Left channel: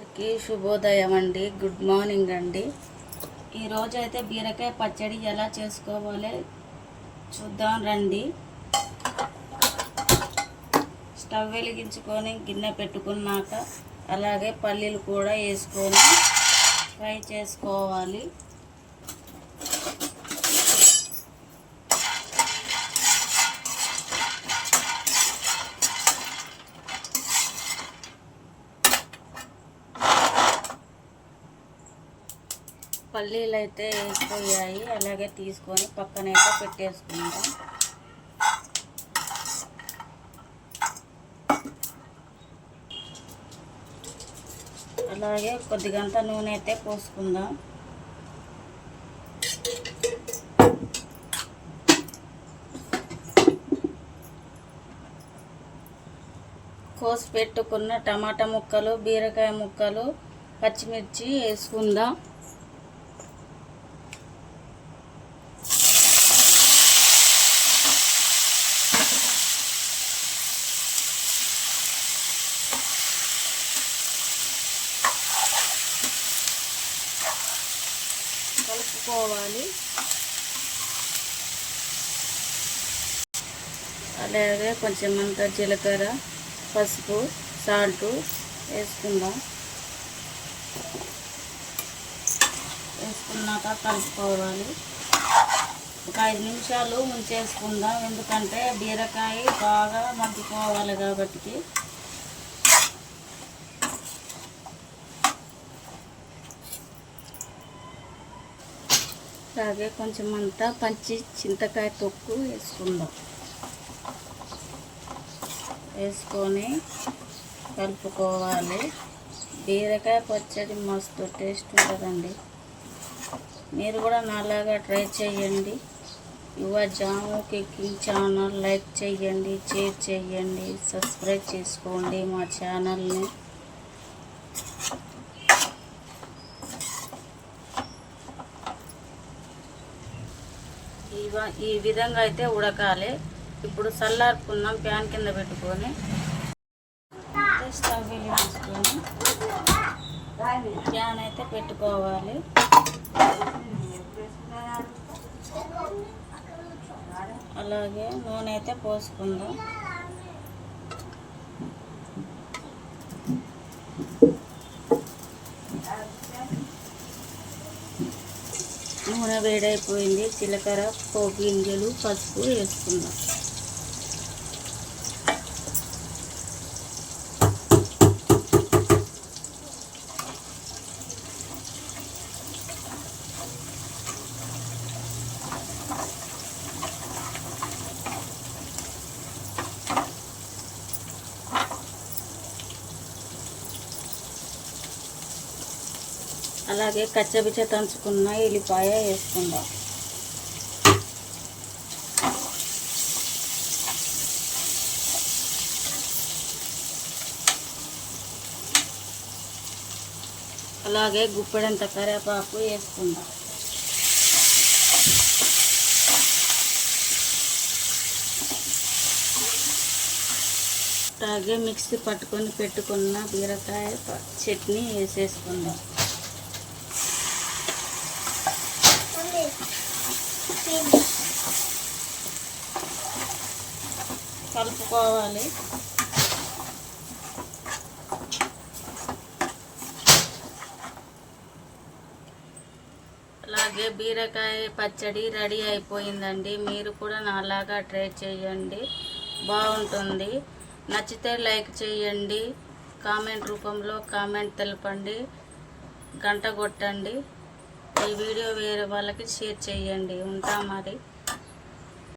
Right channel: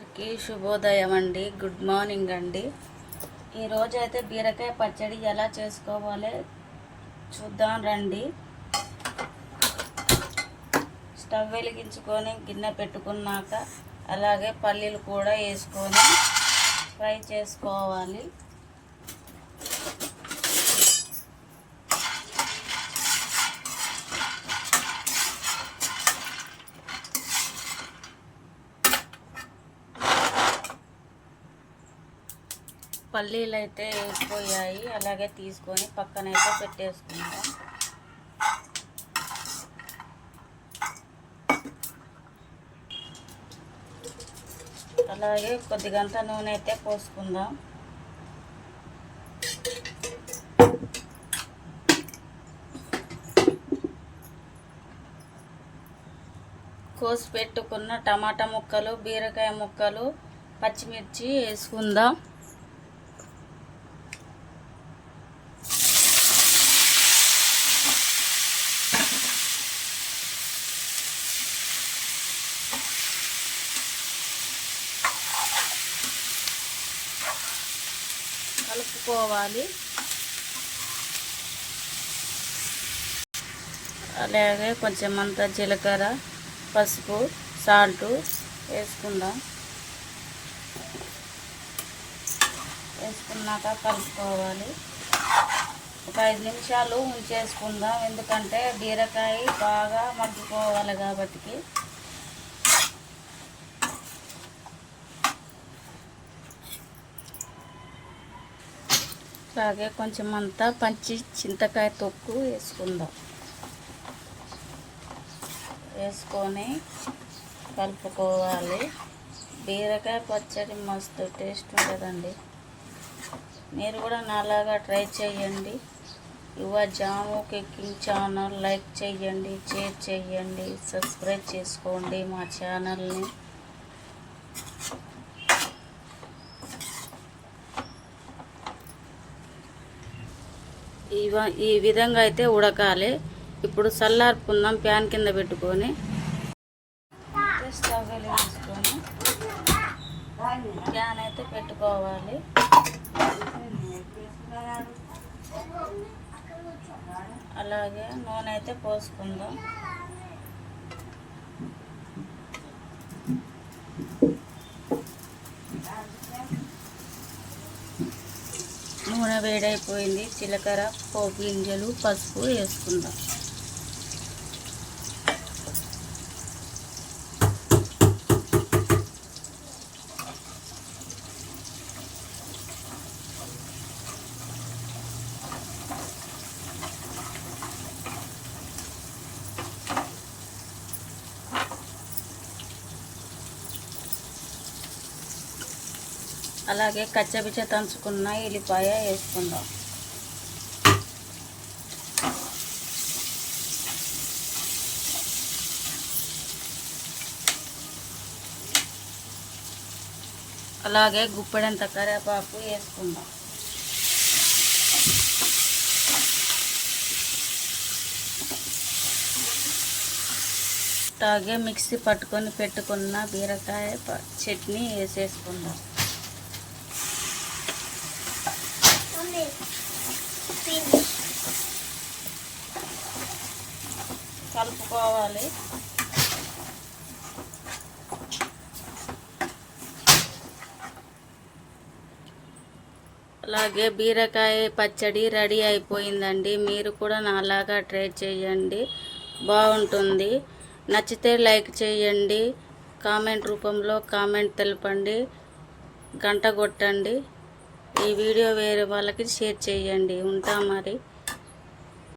అందరికీ శుభోదయం అండి. గుడ్ మార్నింగ్ అండి. ఈరోజు అయితే బీరకాయ పచ్చడి ఎలా చేసుకోవాలో చూద్దాం రండి. స్టవ్ వెలిగించుకొని గిన్నె పెట్టుకున్నాక అలాగే పల్లీలు కూడా వేసుకొని ఫ్రై చేసుకోవాలి. పల్లీలు అయితే వేసిపోయాయి, అలాగే తీసుకొని పక్కనైతే పెట్టేసుకుందాం. అలాగే కొద్దిగంత నూనె అయితే పోసుకుందాం. కోసి పెట్టుకున్న టమాటా ముక్కలు, బీరకాయ ముక్కలు, పచ్చిమిర్చి వేసుకుందాం. కలుపుకోవాలి. అలాగే కొంచెం అంత జీలకర్ర, పసుపు, సాల్ట్ వేసుకుందాం. వేసుకున్నాక కలుపుకోవాలి. ఒక 5 నిమిషాలు ఉంచేసుకుందాం, ఎందుకంటే బీరకాయ బాగా మగ్గిపోవాలి కాబట్టి. అలాగే కొంచెం అంతా పచ్చి చింతకాయ తొక్కు వేసుకుందాం. వేసుకొని కలుపుకోవాలి. బీరకాయ పచ్చడి మస్తు టేస్ట్ ఉంటుందండి. మీరు కూడా నాలాగా ట్రై చేయండి. Your Jamu cooking channel like చేయండి, షేర్ చేయండి, సబ్స్క్రైబ్ చేసుకోండి మా ఛానల్ని. ఈ విధంగా అయితే ఉడకాలి. ఇప్పుడు చల్లార్పుకుందాం. ప్యాన్ కింద పెట్టుకొని స్టవ్ వెలిగించుకొని ప్యాన్ అయితే పెట్టుకోవాలి. అలాగే నూనె అయితే పోసుకుందాం. నూనె వేడైపోయింది. జీలకర్ర, పోపు గింజలు, పసుపు వేసుకుందాం. అలాగే కచ్చపిచ్చ దంచుకున్న ఎల్లిపాయ వేసుకుందాం. అలాగే గుప్పెడంత కరివేపాకు వేసుకుందాం. అలాగే మిక్సీ పట్టుకొని పెట్టుకున్న బీరకాయ చట్నీ వేసేసుకుందాం. కలుపుకోవాలి. అలాగే బీరకాయ పచ్చడి రెడీ అయిపోయిందండి. మీరు కూడా నాలాగా ట్రై చేయండి, బాగుంటుంది. నచ్చితే లైక్ చేయండి, కామెంట్ రూపంలో కామెంట్ తెలపండి, గంట కొట్టండి. ఈ వీడియో వేరే వాళ్ళకి షేర్ చేయండి. ఉంటాం మరి.